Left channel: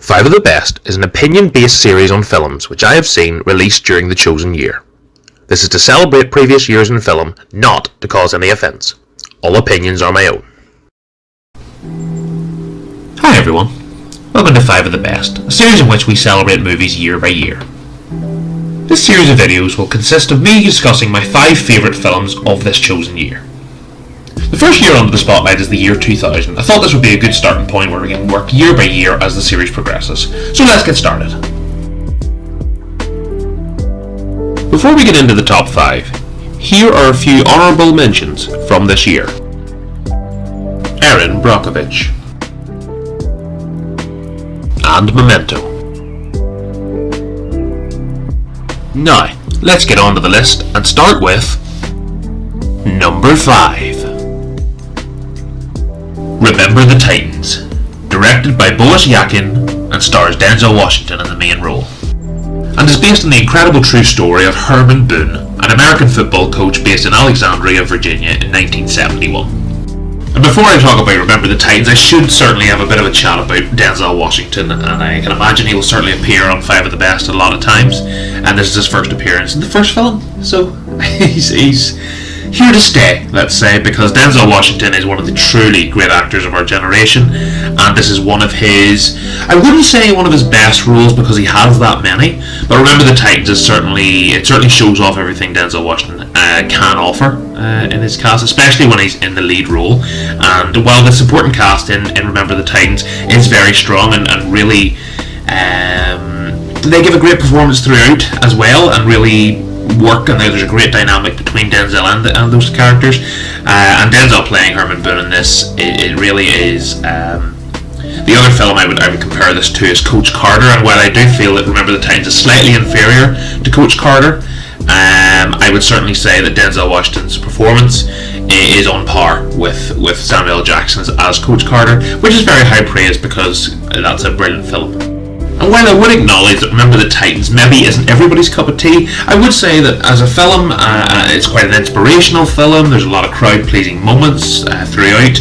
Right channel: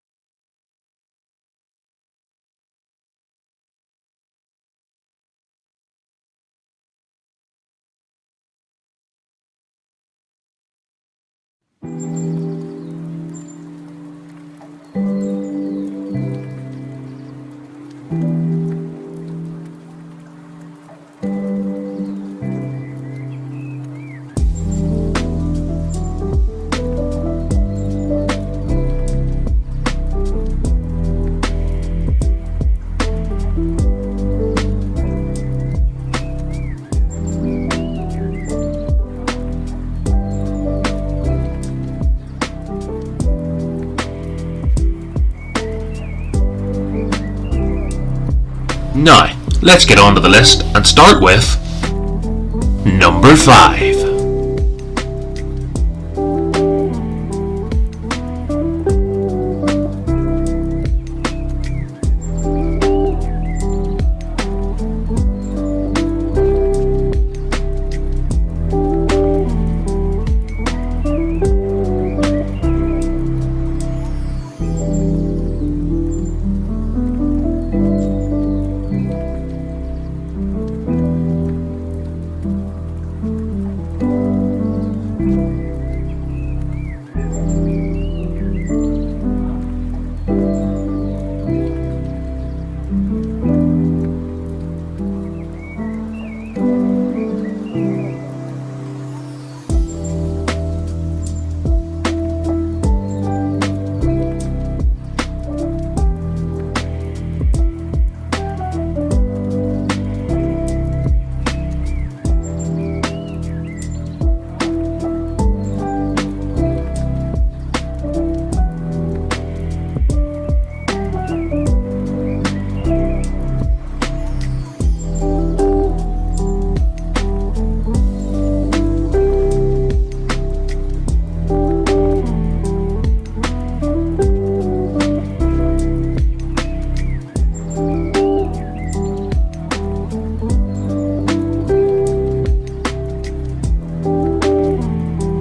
Five of the Best is an opinion-based series on films which I have seen released during the chosen year. This is to celebrate previous years in film, not to cause any offence. All opinions are my own. Hi everyone, welcome to 5 of the Best, a series in which we celebrate movies year by year. This series of videos will consist of me discussing my 5 favourite films of this chosen year. The first year under the spotlight is the year 2000. I thought this would be a good starting point where we can work year by year as the series progresses. So let's get started. Before we get into the top 5, here are a few honourable mentions from this year. Erin Brockovich and Memento. Now, let's get on to the list and start with number 5. Remember the Titans, directed by Boris Yakin and stars Denzel Washington in the main role, and is based on the incredible true story of Herman Boone, an American football coach based in Alexandria, Virginia in 1971. And before I talk about Remember the Titans, I should certainly have a bit of a chat about Denzel Washington, and I can imagine he will certainly appear on 5 of the Best a lot of times, and this is his first appearance in the first film, so he's here to stay, let's say, because Denzel Washington is one of the truly great actors of our generation, and this is one of his, I wouldn't say one of his best roles because he has that many, but Remember the Titans is certainly shows off everything Denzel Washington can offer in his cast, especially when he's in the lead role. And while the supporting cast in Remember the Titans is very strong and really they give a great performance throughout as well, and really work, and there's a great dynamic between Denzel and those characters, and Denzel playing Herman Boone in this, it really is the other film I would compare this to is Coach Carter, and while I do feel that Remember the Titans is slightly inferior to Coach Carter, I would certainly say that Denzel Washington's performance is on par with Samuel L. Jackson's as Coach Carter, which is very high praise because that's a brilliant film. And while I would acknowledge that Remember the Titans maybe isn't everybody's cup of tea, I would say that as a film, it's quite an inspirational film. There's a lot of crowd-pleasing moments throughout,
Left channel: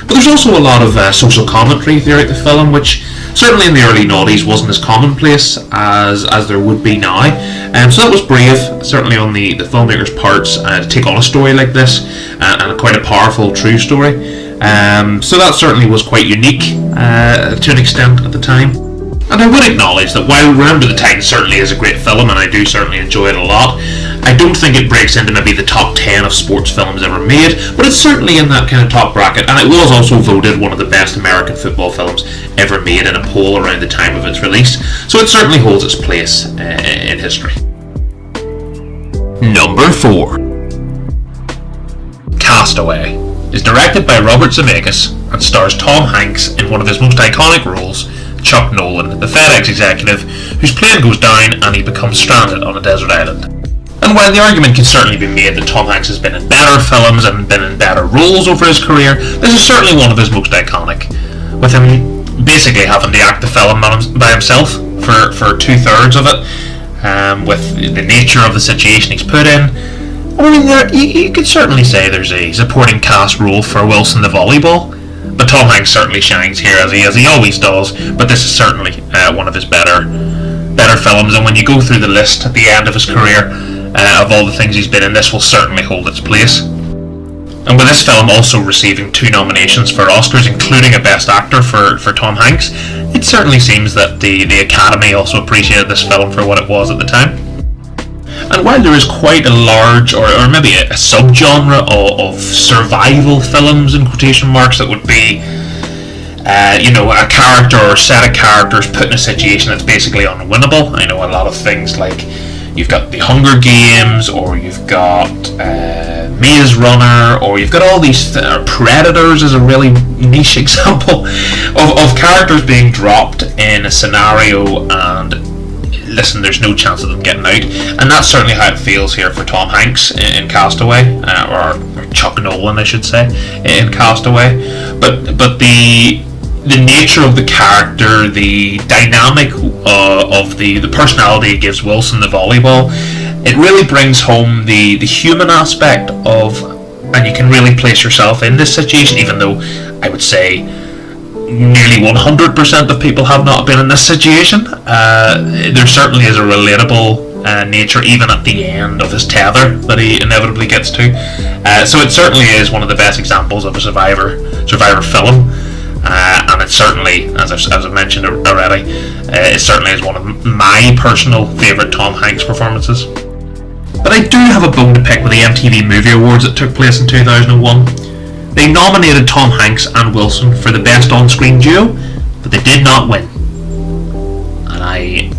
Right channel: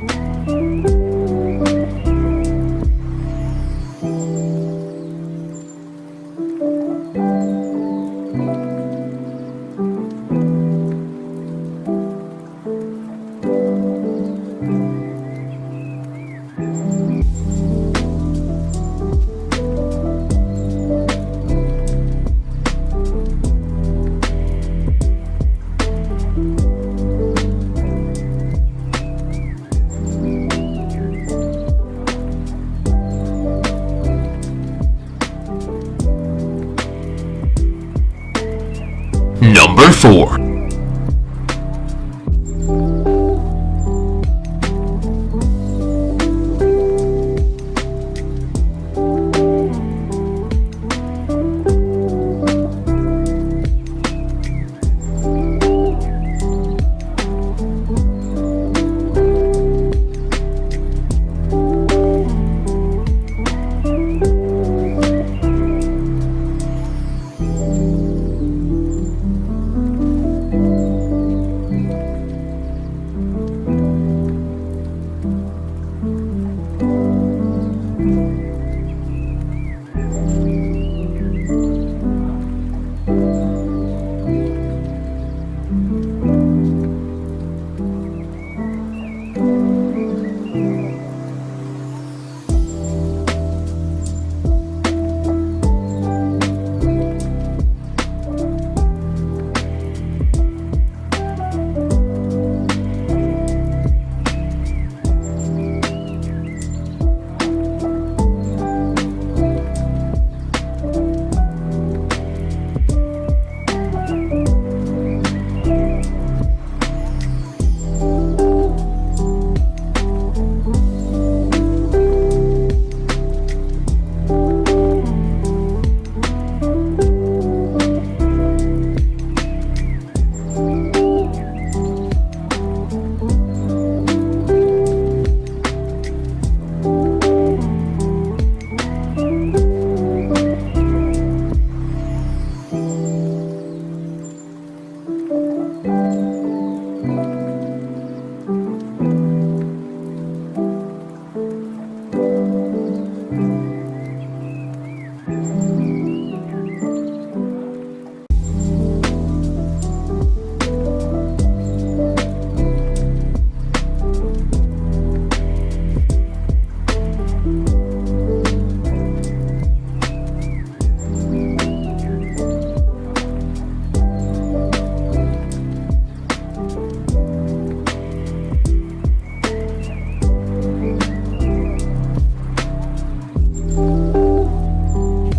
but there's also a lot of social commentary throughout the film, which certainly in the early 90s wasn't as commonplace as there would be now. So that was brave, certainly on the filmmaker's parts, to take on a story like this, and quite a powerful, true story. So that certainly was quite unique to an extent at the time. And I would acknowledge that while Remember the Titans certainly is a great film, and I do certainly enjoy it a lot, I don't think it breaks into maybe the top 10 of sports films ever made, but it's certainly in that kind of top bracket, and it was also voted one of the best American football films ever made in a poll around the time of its release, so it certainly holds its place in history. Number 4. Castaway is directed by Robert Zemeckis and stars Tom Hanks in one of his most iconic roles, Chuck Nolan, the FedEx executive whose plane goes down and he becomes stranded on a desert island. And while the argument can certainly be made that Tom Hanks has been in better films and been in better roles over his career, this is certainly one of his most iconic, with him basically having to act the film by himself for 2/3 of it, with the nature of the situation he's put in. I mean, you could certainly say there's a supporting cast role for Wilson the volleyball, but Tom Hanks certainly shines here as he always does, but this is certainly one of his better films, and when you go through the list at the end of his career of all the things he's been in, this will certainly hold its place. And with this film also receiving 2 nominations for Oscars, including a Best Actor for Tom Hanks, it certainly seems that the Academy also appreciated this film for what it was at the time. And while there is quite a large, or maybe a subgenre of survival films, in quotation marks, that would be, a character or a set of characters put in a situation that's basically unwinnable. I know a lot of things like you've got The Hunger Games, or you've got Maze Runner, or you've got all these Predators is a really niche example of characters being dropped in a scenario and listen, there's no chance of them getting out, and that's certainly how it feels here for Tom Hanks in Castaway, or Chuck Nolan, I should say, in Castaway. But the nature of the character, the dynamic of the personality it gives Wilson the volleyball, it really brings home the human aspect of, and you can really place yourself in this situation, even though I would say nearly 100% of people have not been in this situation. There certainly is a relatable nature even at the end of his tether that he inevitably gets to. So it certainly is one of the best examples of a survivor film. And it certainly, as I've mentioned already, it certainly is one of my personal favourite Tom Hanks performances. But I do have a bone to pick with the MTV Movie Awards that took place in 2001. They nominated Tom Hanks and Wilson for the Best On-Screen Duo, but they did not win. And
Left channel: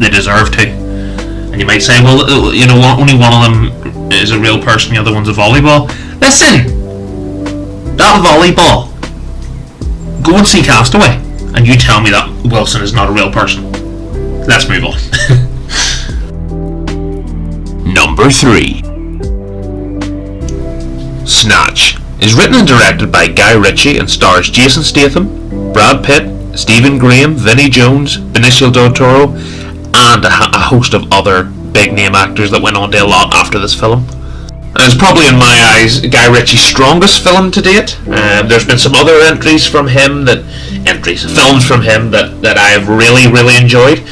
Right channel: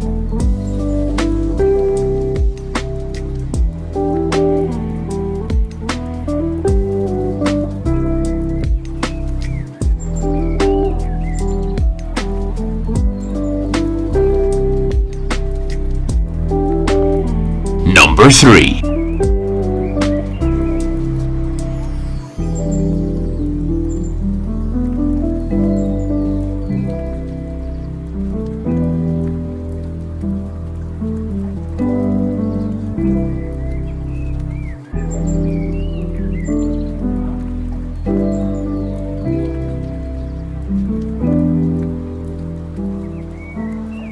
they deserve to. And you might say, well, you know, only one of them is a real person, the other one's a volleyball. Listen! That volleyball. Go and see Castaway, and you tell me that Wilson is not a real person. Let's move on. Number 3. Snatch is written and directed by Guy Ritchie and stars Jason Statham, Brad Pitt, Stephen Graham, Vinnie Jones, Benicio del Toro, and a host of other big name actors that went on to a lot after this film. And it's probably, in my eyes, Guy Ritchie's strongest film to date. There's been some other films from him that I have really enjoyed.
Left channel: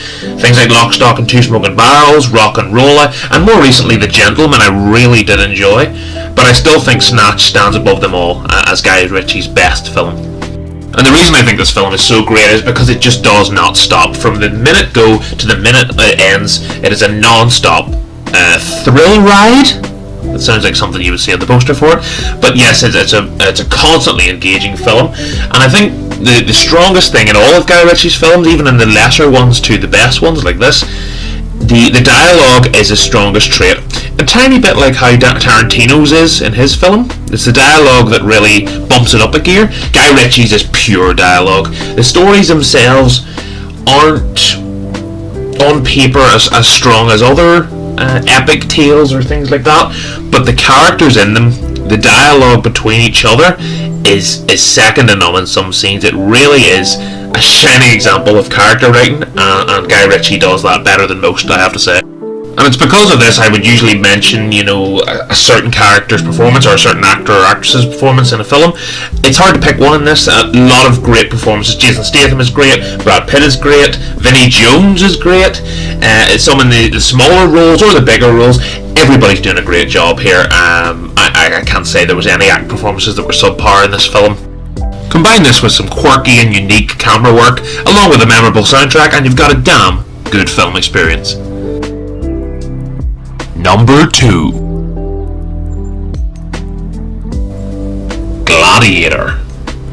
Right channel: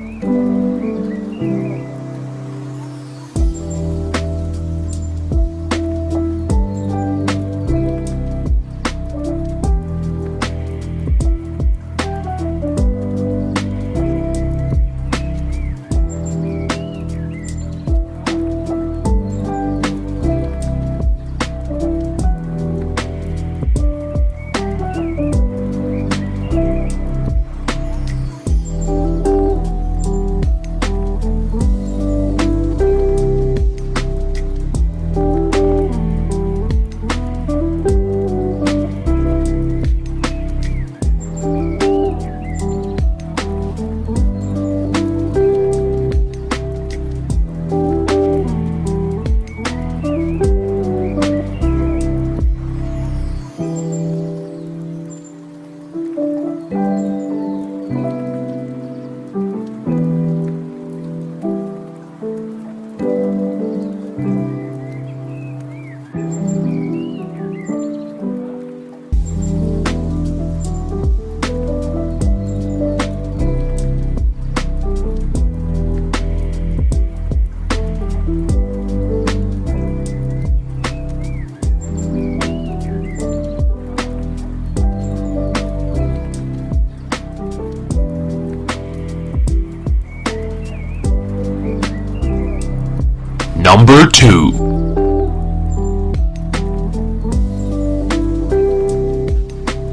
Things like Lock, Stock and Two Smoking Barrels, Rock and Rolla, and more recently The Gentleman I really did enjoy. But I still think Snatch stands above them all as Guy Ritchie's best film. And the reason I think this film is so great is because it just does not stop. From the minute go to the minute it ends, it is a non-stop thrill ride. It sounds like something you would see on the poster for it, but yes, it's a constantly engaging film. And I think the strongest thing in all of Guy Ritchie's films, even in the lesser ones to the best ones like this, the dialogue is his strongest trait. A tiny bit like how Tarantino's is in his film. It's the dialogue that really bumps it up a gear. Guy Ritchie's is pure dialogue. The stories themselves aren't on paper as strong as other epic tales or things like that, but the characters in them, the dialogue between each other is second to none in some scenes. It really is a shining example of character writing, and Guy Ritchie does that better than most, I have to say. And it's because of this I would usually mention, a certain character's performance or a certain actor or actress's performance in a film. It's hard to pick one in this. A lot of great performances. Jason Statham is great, Brad Pitt is great, Vinnie Jones is great. Some in the smaller roles or the bigger roles, everybody's doing a great job here. I can't say there was any act performances that were subpar in this film. Combine this with some quirky and unique camera work, along with a memorable soundtrack, and you've got a damn good film experience. Number 2. Gladiator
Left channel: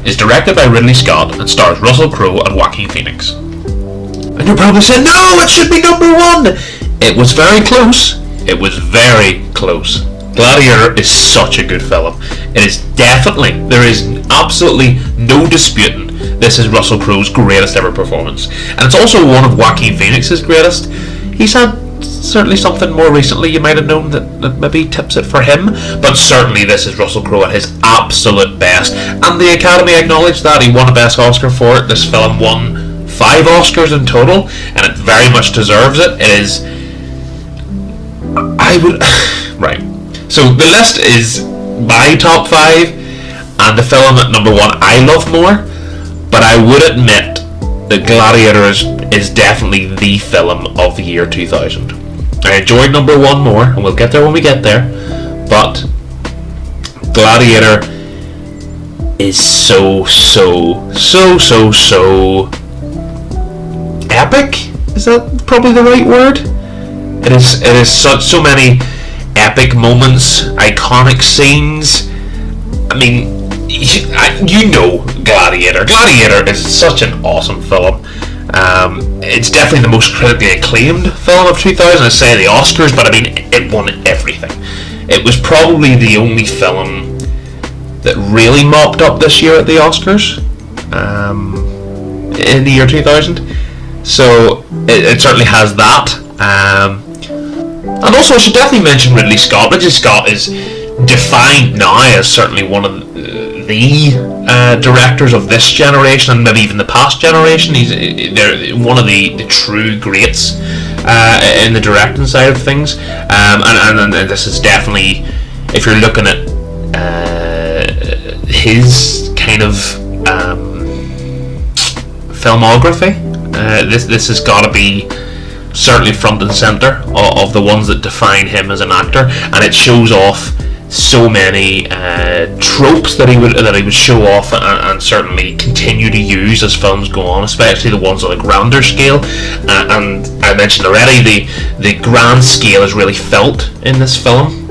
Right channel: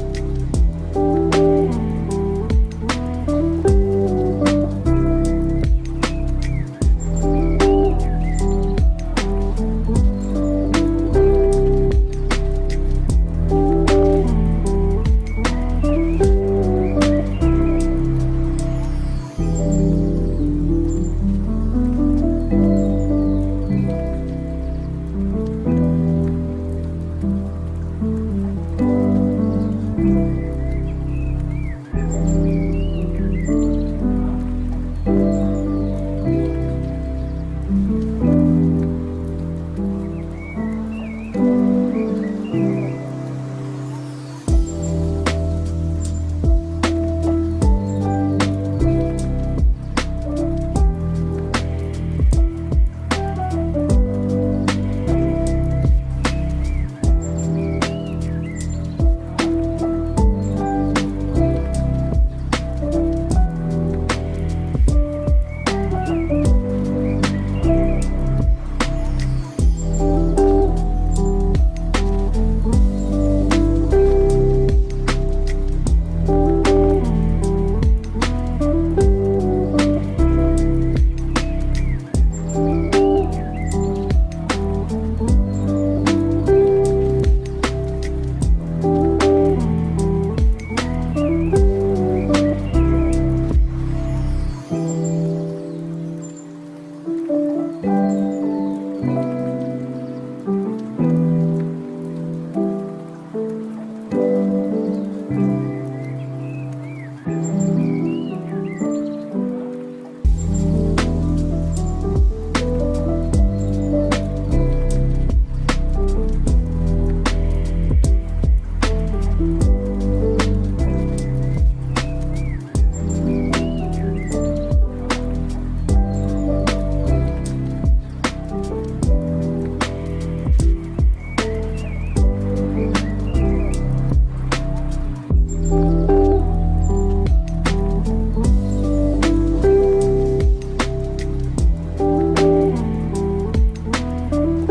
is directed by Ridley Scott and stars Russell Crowe and Joaquin Phoenix. And you're probably saying, no, it should be number 1! It was very close. It was very close. Gladiator is such a good film. It is definitely, there is absolutely no disputing, this is Russell Crowe's greatest ever performance. And it's also one of Joaquin Phoenix's greatest. He's had certainly something more recently you might have known that maybe tips it for him, but certainly this is Russell Crowe at his absolute best, and the Academy acknowledged that. He won a Best Oscar for it. This film won 5 Oscars in total, and it very much deserves it. It is... Right. So the list is my top 5, and the film at number 1 I love more, but I would admit that Gladiator is definitely the film of the year 2000. I enjoyed number 1 more, and we'll get there when we get there, but Gladiator is so epic? Is that probably the right word? It is so many epic moments, iconic scenes. I mean, you know Gladiator. Gladiator is such an awesome film. It's definitely the most critically acclaimed film of 2000. I say the Oscars, but I mean, it won everything. It was probably the only film that really mopped up this year at the Oscars in the year 2000. So it certainly has that. And also I should definitely mention Ridley Scott. Ridley Scott is defined now as certainly one of the directors of this generation and maybe even the past generation. They're one of the true greats in the directing side of things. And this is definitely, if you're looking at his kind of filmography. This has got to be certainly front and center of the ones that define him as an actor, and it shows off so many tropes that he would show off and certainly continue to use as films go on, especially the ones on a grander scale. And I mentioned already the grand scale is really felt in this film.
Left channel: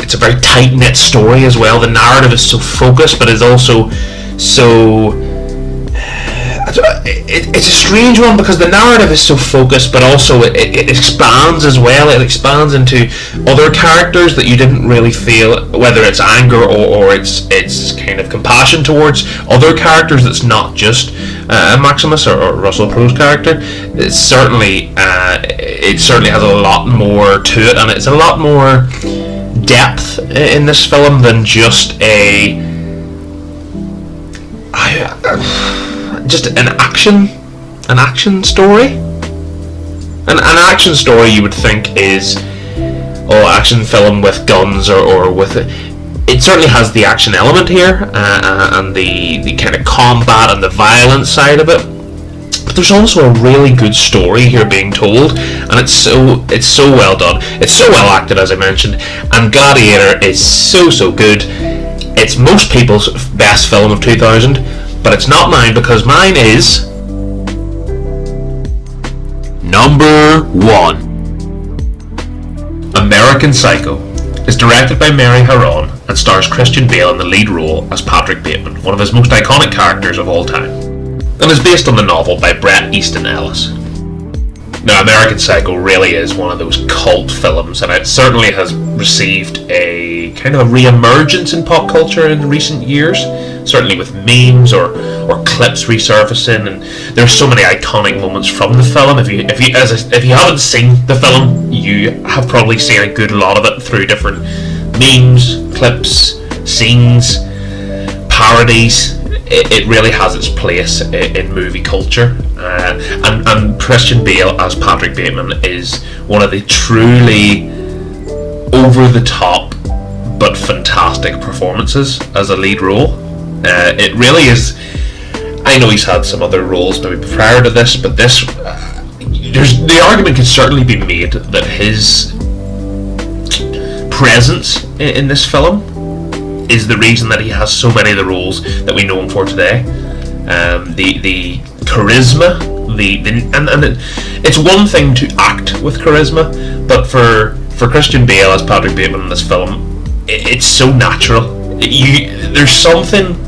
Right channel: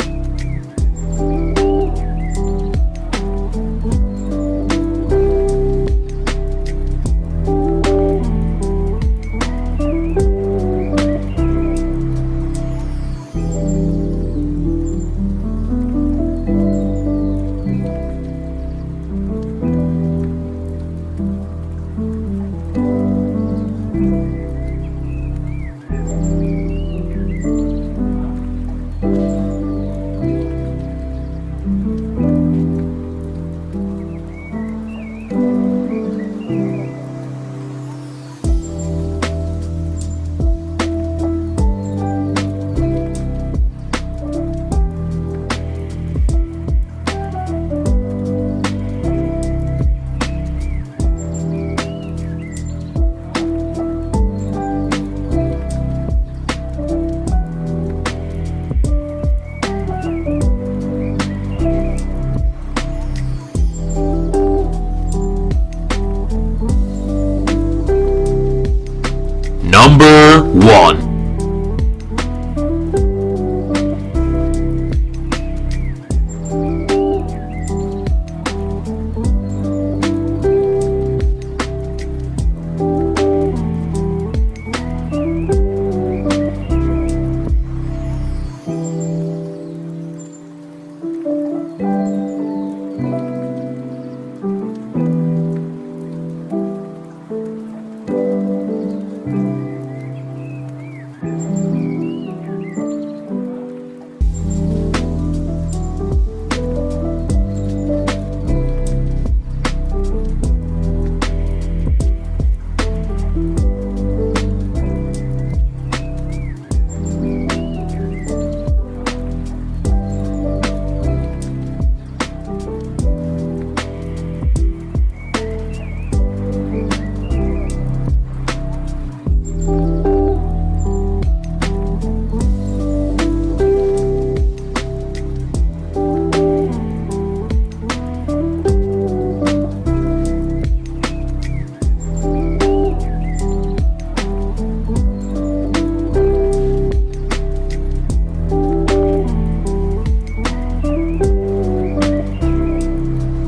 It's a very tight-knit story as well. The narrative is so focused, but is also so... It's a strange one because the narrative is so focused, but also it expands as well. It expands into other characters that you didn't really feel, whether it's anger or it's kind of compassion towards other characters. That's not just Maximus or Russell Crowe's character. It certainly has a lot more to it, and it's a lot more depth in this film than just an action story. An action story you would think is action film with guns or with it certainly has the action element here and the kind of combat and the violence side of it, but there's also a really good story here being told, and it's so well done. It's so well acted, as I mentioned, and Gladiator is so good. It's most people's best film of 2000, but it's not mine because mine is number 1. American Psycho is directed by Mary Harron and stars Christian Bale in the lead role as Patrick Bateman, one of his most iconic characters of all time, and is based on the novel by Bret Easton Ellis. Now, American Psycho really is one of those cult films, and it certainly has received a kind of a re-emergence in pop culture in recent years, certainly with memes or clips resurfacing, and there's so many iconic moments from the film. If you haven't seen the film, you have probably seen a good lot of it through different memes, clips, scenes, parodies. It really has its place in movie culture, and Christian Bale as Patrick Bateman is one of the truly over-the-top but fantastic performances as a lead role. It really is. I know he's had some other roles maybe prior to this, but the argument could certainly be made that his presence in this film is the reason that he has so many of the roles that we know him for today. The charisma, it's one thing to act with charisma, but for Christian Bale as Patrick Bateman in this film, it's so natural. There's something.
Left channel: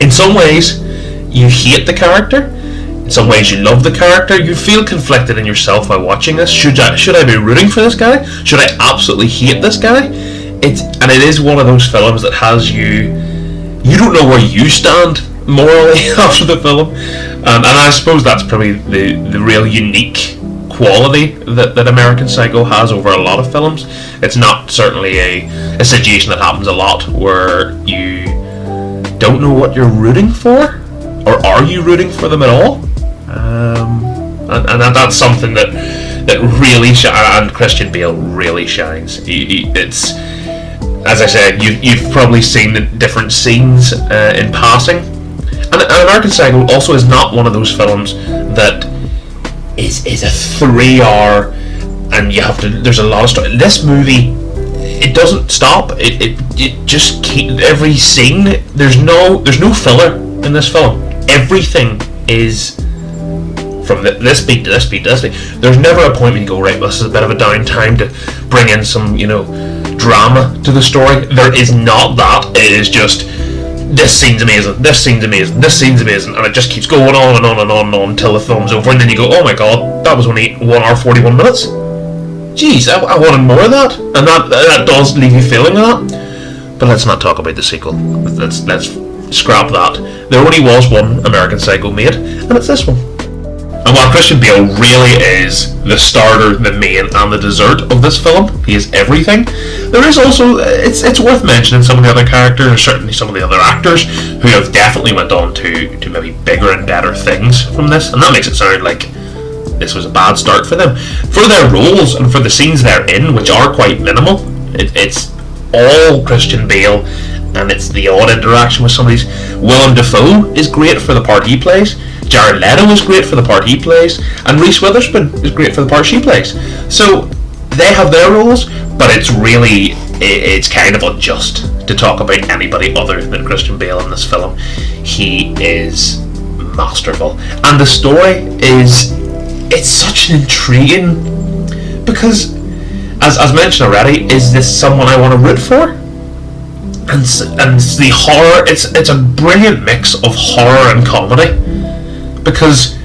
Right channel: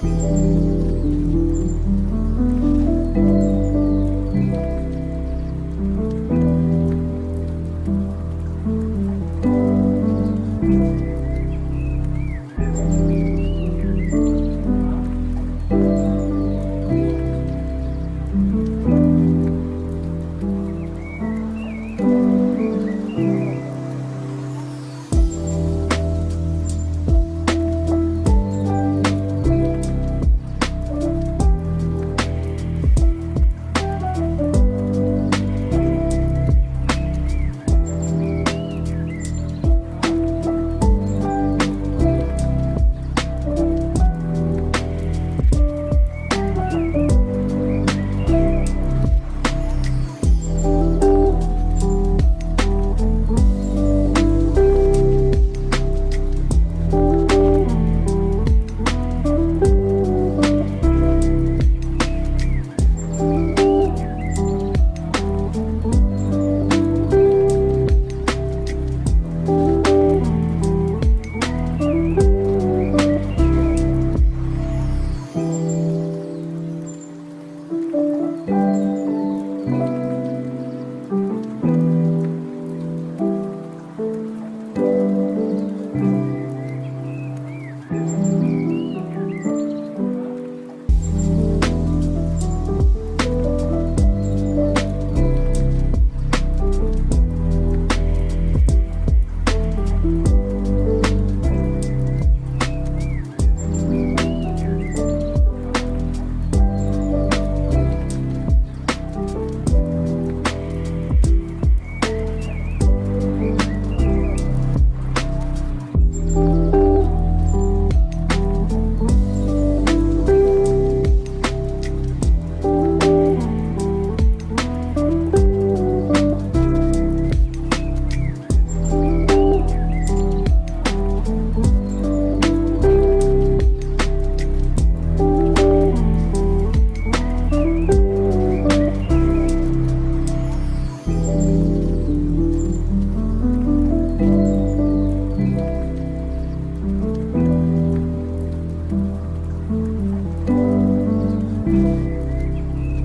In some ways, you hate the character. In some ways, you love the character. You feel conflicted in yourself while watching this. Should I be rooting for this guy? Should I absolutely hate this guy? It is one of those films that has you don't know where you stand morally after the film, and I suppose that's probably the real unique quality that American Psycho has over a lot of films. It's not certainly a situation that happens a lot where you don't know what you're rooting for, or are you rooting for them at all, and that's something that really and Christian Bale really shines. It's, as I said, you've probably seen the different scenes in passing, and American Psycho also is not one of those films that is a 3-hour and you have to. There's a lot of stuff. This movie, it doesn't stop. It just keeps every scene. There's no filler in this film. Everything is from this beat to this beat to this beat. There's never a point where you go, right, this is a bit of a downtime to bring in some, drama to the story. There is not that. It is just, this scene's amazing, this scene's amazing, this scene's amazing, and it just keeps going on and on and on and on until the film's over, and then you go, oh my god, that was only 1 hour 41 minutes. Jeez, I wanted more of that, and that does leave you feeling that. But let's not talk about the sequel. Let's scrap that. There only was one American Psycho made, and it's this one. And while Christian Bale really is the starter, the main, and the dessert of this film, he is everything, there is also, it's worth mentioning some of the other characters, and certainly some of the other actors, who have definitely went on to maybe bigger and better things from this, and that makes it sound like this was a bad start for them. For their roles, and for the scenes they're in, which are quite minimal, it's all Christian Bale, and it's the odd interaction with somebody's. Willem Dafoe is great for the part he plays. Jared Leto is great for the part he plays, and Reese Witherspoon is great for the part she plays. So they have their roles, but it's kind of unjust to talk about anybody other than Christian Bale in this film. He is masterful, and the story it's such an intriguing, because as mentioned already, is this someone I want to root for? And the horror, it's a brilliant mix of horror and comedy, because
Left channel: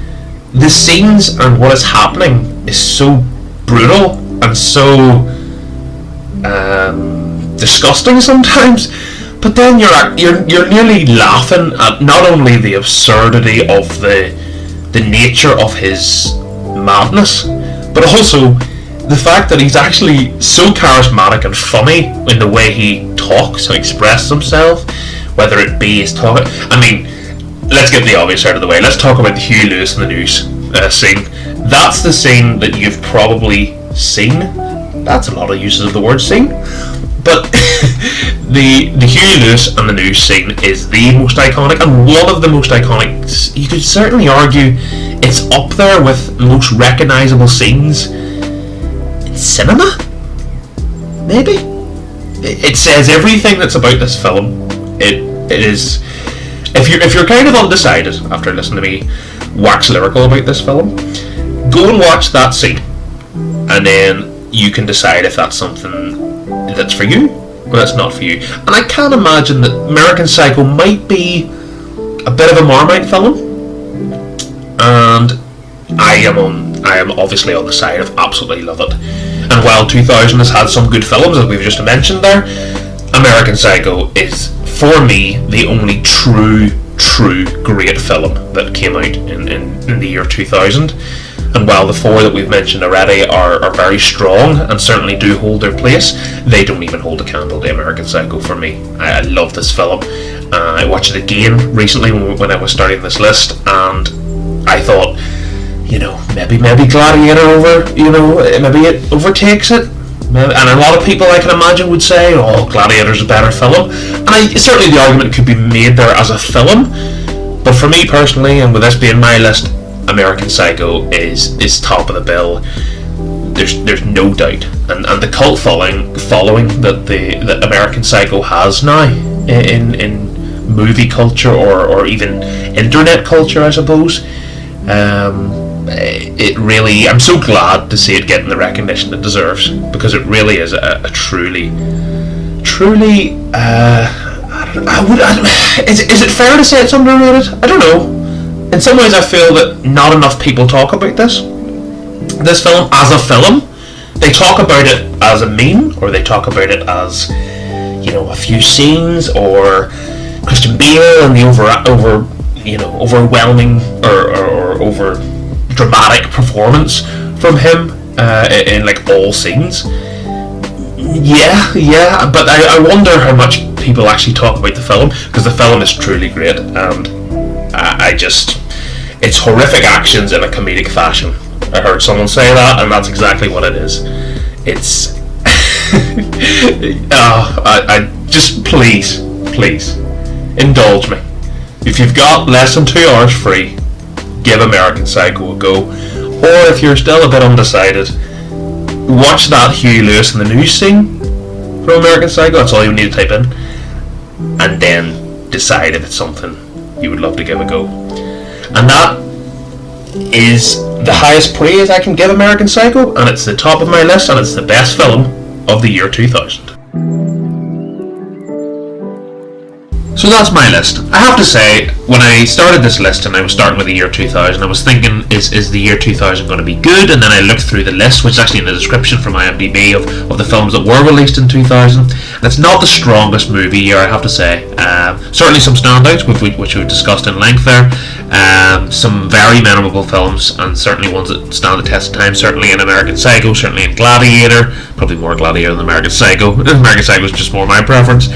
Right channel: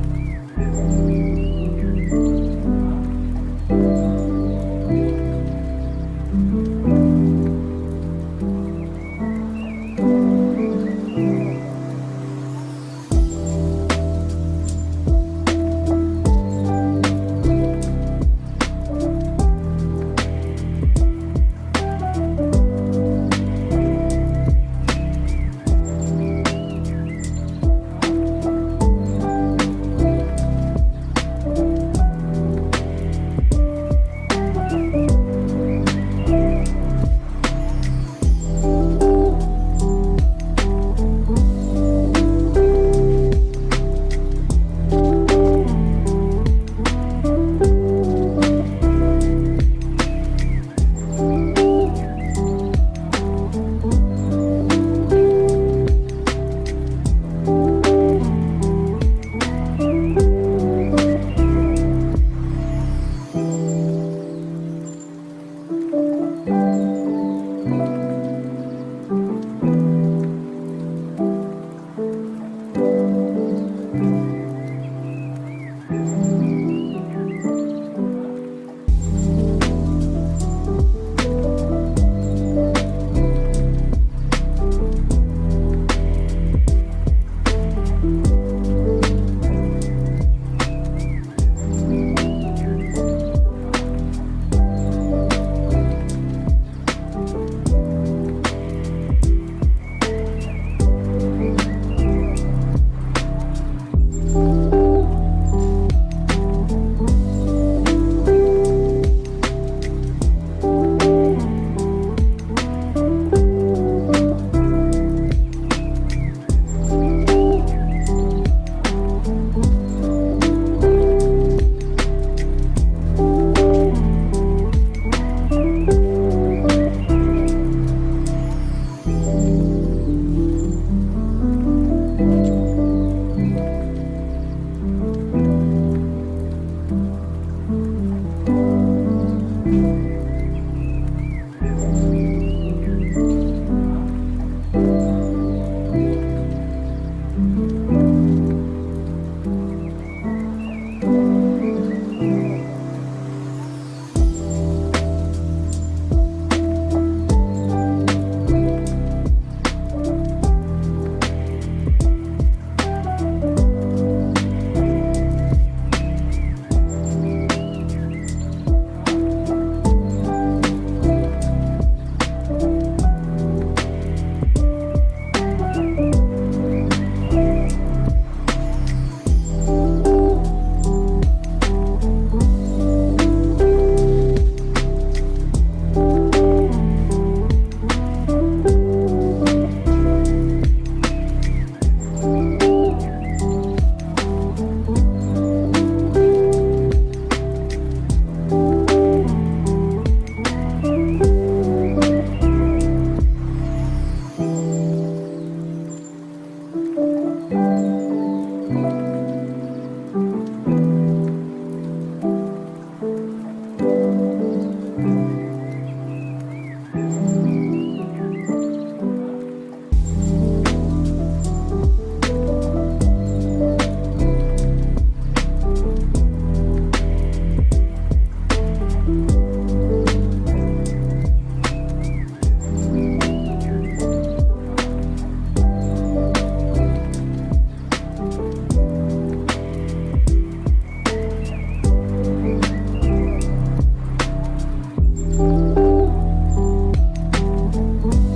the scenes and what is happening is so brutal and so disgusting sometimes, but then you're nearly laughing at not only the absurdity of the nature of his madness, but also the fact that he's actually so charismatic and funny in the way he talks and expresses himself, whether it be his talk. I mean, let's get the obvious out of the way. Let's talk about the Huey Lewis in the News scene. That's the scene that you've probably seen. That's a lot of uses of the word scene. But the Huey Lewis and the News scene is the most iconic, and one of the most iconic. You could certainly argue it's up there with the most recognisable scenes in cinema. Maybe it says everything that's about this film. It is. If you're kind of undecided after listening to me wax lyrical about this film, go and watch that scene, and then you can decide if that's something that's for you or that's not for you. And I can't imagine that American Psycho might be a bit of a Marmite film, and I am obviously on the side of absolutely love it. And while 2000 has had some good films, as we've just mentioned there, American Psycho is, for me, the only true great film that came out in the year 2000. And while the four that we've mentioned already are very strong and certainly do hold their place, they don't even hold a candle to American Psycho for me. I love this film. I watched it again recently when I was starting this list, and I thought, maybe Gladiator maybe it overtakes it. And a lot of people, I can imagine, would say, oh, Gladiator's a better film. And certainly the argument could be made there as a film. But for me personally, and with this being my list, American Psycho is top of the bill. There's no doubt. And the cult following that American Psycho has now in movie culture or even internet culture, I suppose. It really, I'm so glad to see it getting the recognition it deserves, because it really is a truly is it fair to say it's underrated? I don't know. In some ways I feel that not enough people talk about this film as a film. They talk about it as a meme, or they talk about it as, a few scenes, or Christian Bale and the overwhelming or over dramatic performance from him in like all scenes. Yeah, but I wonder how much people actually talk about the film, because the film is truly great, and it's horrific actions in a comedic fashion. I heard someone say that, and that's exactly what it is. It's I just please indulge me. If you've got less than 2 hours free, give American Psycho a go. Or if you're still a bit undecided, watch that Huey Lewis in the News scene from American Psycho. That's all you need to type in, and then decide if it's something you would love to give a go. And that is the highest praise I can give American Psycho, and it's the top of my list, and it's the best film of the year 2000. So that's my list. I have to say, when I started this list and I was starting with the year 2000, I was thinking, is the year 2000 going to be good? And then I looked through the list, which is actually in the description from IMDB of the films that were released in 2000. And it's not the strongest movie year, I have to say. Certainly some standouts, which we've discussed in length there. Some very memorable films, and certainly ones that stand the test of time. Certainly in American Psycho, certainly in Gladiator. Probably more Gladiator than American Psycho. American Psycho is just more my preference.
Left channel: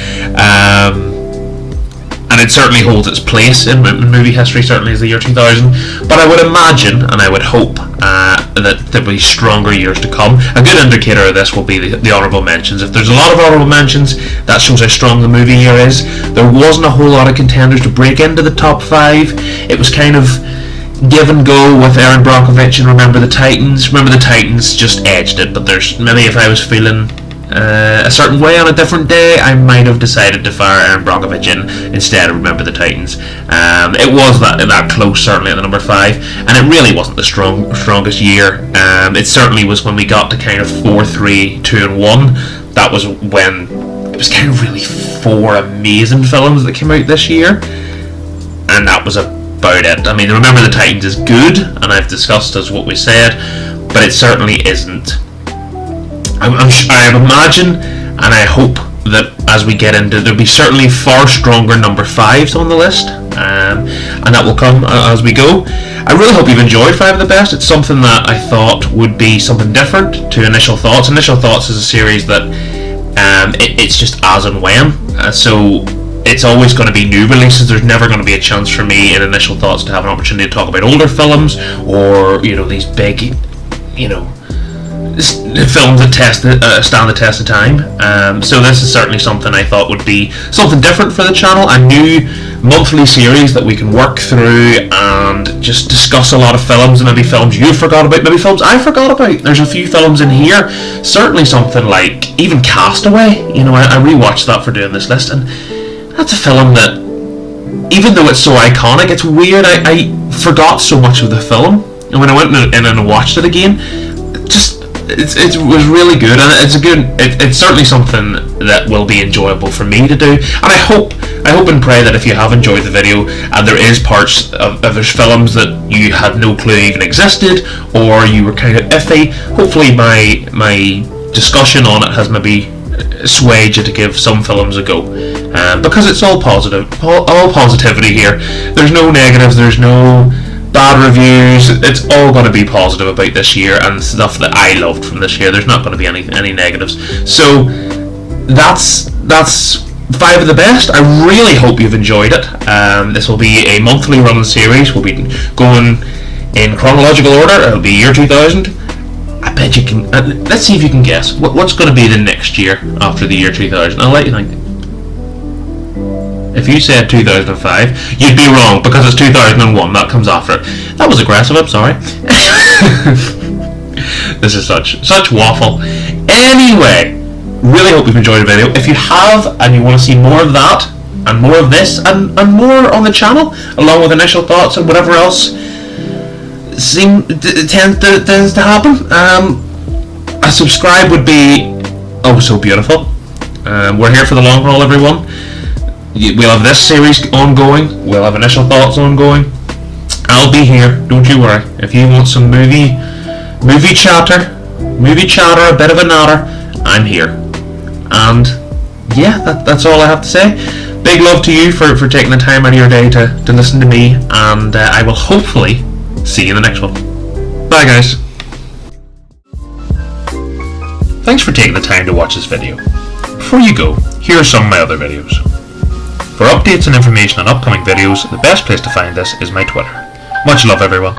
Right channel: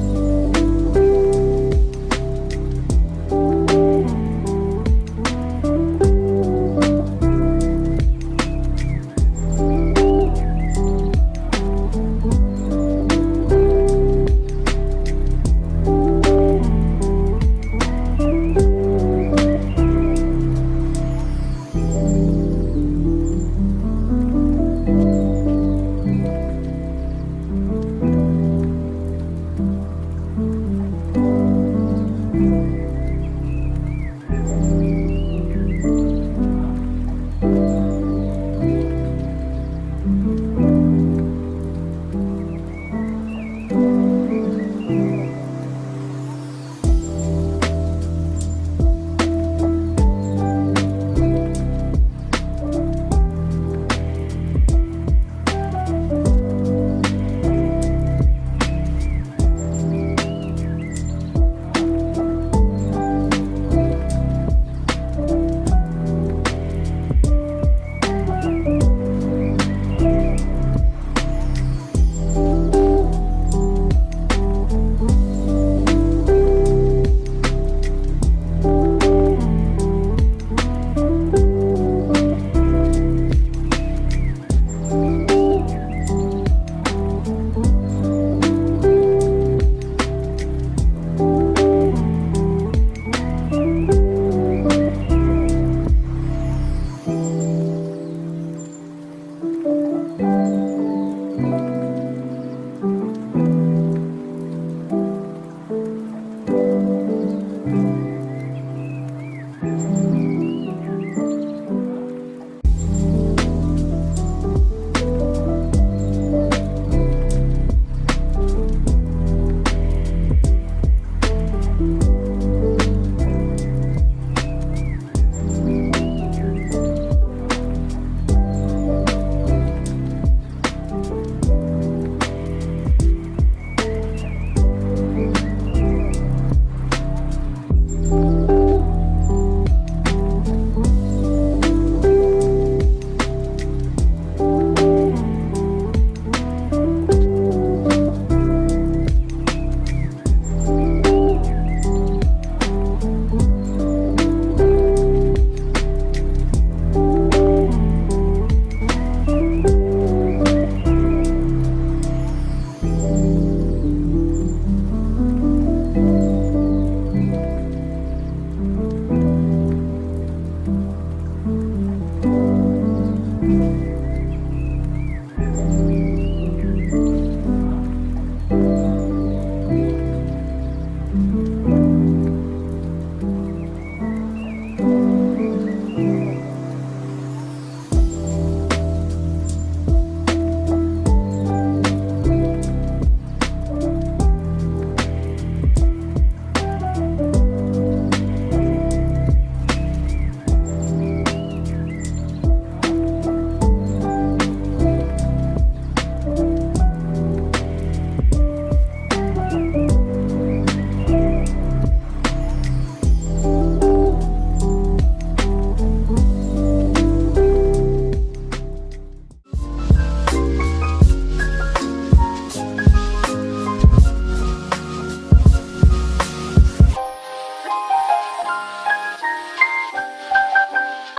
And and it certainly holds its place in movie history, certainly as the year 2000. But I would imagine, and I would hope, that there will be stronger years to come. A good indicator of this will be the honourable mentions. If there's a lot of honourable mentions, that shows how strong the movie year is. There wasn't a whole lot of contenders to break into the top 5. It was kind of give and go with Erin Brockovich and Remember the Titans. Remember the Titans just edged it, but there's maybe if I was feeling a certain way on a different day, I might have decided to fire Erin Brockovich in instead of Remember the Titans. It was that close, certainly at the number 5, and it really wasn't the strongest year. It certainly was when we got to kind of 4, 3, 2 and 1. That was when it was kind of really 4 amazing films that came out this year, and that was about it. I mean, Remember the Titans is good, and I've discussed as what we said, but it certainly isn't. I imagine and I hope that as we get into, there'll be certainly far stronger number 5s on the list, and that will come as we go. I really hope you've enjoyed 5 of the Best. It's something that I thought would be something different to Initial Thoughts. Initial Thoughts is a series that it's just as and when, so it's always going to be new releases. There's never going to be a chance for me in Initial Thoughts to have an opportunity to talk about older films, or these big films that stand the test of time. So this is certainly something I thought would be something different for the channel, a new monthly series that we can work through and just discuss a lot of films, and maybe films you forgot about, maybe films I forgot about. There's a few films in here, certainly something like even Castaway. I rewatched that for doing this list, and that's a film that, even though it's so iconic, it's weird, I forgot so much of the film, and when I went in and watched it again, it was really good, and it's certainly something that will be enjoyable for me to do. And I hope and pray that if you have enjoyed the video, and there is parts of there's films that you had no clue even existed, or you were kind of iffy, hopefully my discussion on it has maybe swayed you to give some films a go, because it's all positive, all positivity here. There's no negatives, there's no bad reviews. It's all going to be positive about this year and stuff that I loved from this year. There's not going to be any negatives. So that's 5 of the Best. I really hope you've enjoyed it. This will be a monthly running series. We'll be going in chronological order. It'll be year 2000. I bet you can. Let's see if you can guess what's going to be the next year after the year 2000. I'll let you think. If you said 2005, you'd be wrong, because it's 2001. That comes after it. That was aggressive. I'm sorry. This is such waffle. Anyway, really hope you've enjoyed the video. If you have, and you want to see more of that, and more of this, and more on the channel, along with Initial Thoughts and whatever else tends to happen, a subscribe would be oh so beautiful. We're here for the long haul, everyone. We'll have this series ongoing. We'll have Initial Thoughts ongoing. I'll be here, don't you worry. If you want some movie chatter, a bit of a natter, I'm here. And yeah, that's all I have to say. Big love to you for taking the time out of your day to listen to me, and I will hopefully see you in the next one. Bye guys. Thanks for taking the time to watch this video. Before you go, here are some of my other videos. For updates and information on upcoming videos, the best place to find this is my Twitter. Much love, everyone.